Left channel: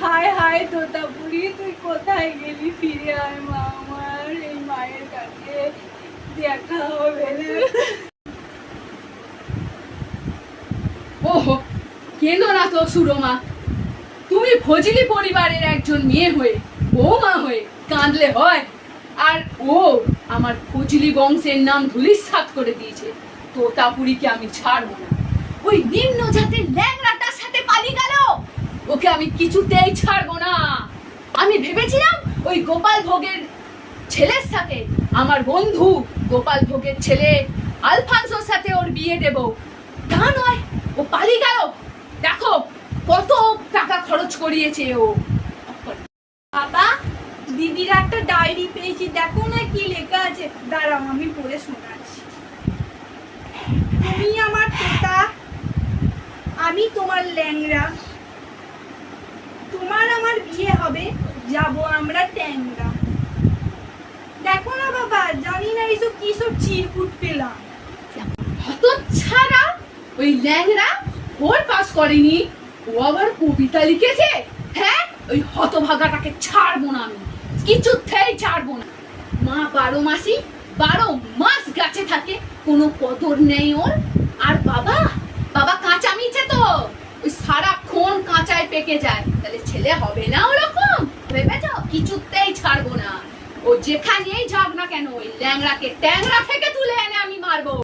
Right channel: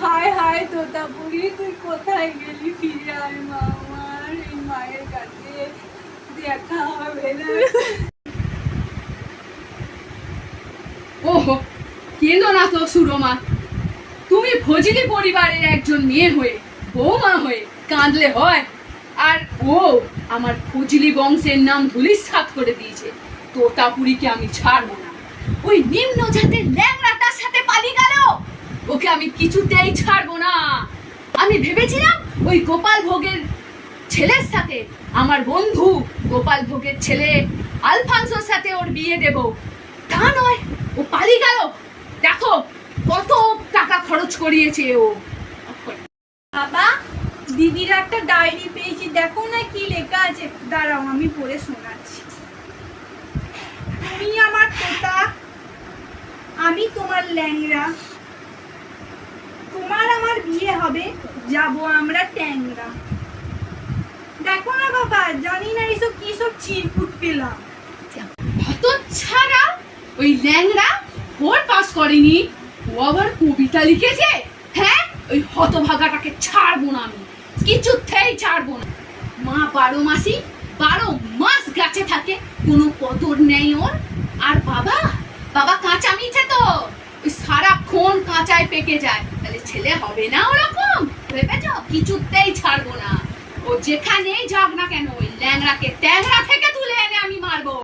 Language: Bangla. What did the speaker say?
হায় হায় তোতাপুরি, তুই কোথায় গেলি? ফিরে আয় মা আমার, এই মায়ের কাছে দেখা হবে না। ওহো, কেঁদো না তো সুরমা। তুমি ফজলি পরিবারের একজন মেয়ে হয়ে, বৌমা হয়ে কাঁদলে হয়? আর ও আমার ফজলি বংশের নাম ধুলিস্যাৎ করে দিয়েছে। তোতাপুরীকে আমি ছাড়বো না। ওই নিম্ন জাতের ল্যাংড়াটার সাথে পালিয়ে গেল, ওকে আমি কিছুতেই ছাড়বো না। আমি ভেবেছিলাম ওই গোপাল ভোগের ছেলের সাথে, আমার বন্ধু গোপাল ভোগের ছেলে আলফানসোর সাথে ওর বিয়ে দেব। তা নয়, ও পালিয়ে গেল। দেখো কত টাকা খরচ করিয়েছে ও। বাবা, দিদির একটা ডায়েরি পেয়েছি, দেখো না কি লেখা আছে। দাঁড়াও, আমি পড়ে শোনাচ্ছি। তুমি আমার তোতা, আমি তোমার ল্যাংড়া, তোমার আমার বিয়ে হবে, যাব আমরা ট্যাংরা। দেখো না বাবা, জানি না এইসব কি সব চিরকুট পেলাম। হতচ্ছাড়া, ওই ল্যাংড়া ওর পাস করেনি, ও আবার কবিতা লিখেছে। হ্যাঁ, ওই হতভাগাটাকে ছাড়বো না আমি, কিছুতেই ছাড়বো না। মা 12 মাসই 12 মাস গাছে থাকে, কোনো কদর নেই ওর। আর বাবা বাবা কাঁচা মিছে তো, ওই সারাক্ষণ কাঁচায় পেকে যায়। তাহলে ছেলে হবে না ওরকম ভেবেছ? কিছুতেই ছাড়বো না। ও যেখানেই যাক না কেন, ওই ল্যাংড়াকে ট্যাংরা থেকে তুলে এনে আমি মারবো।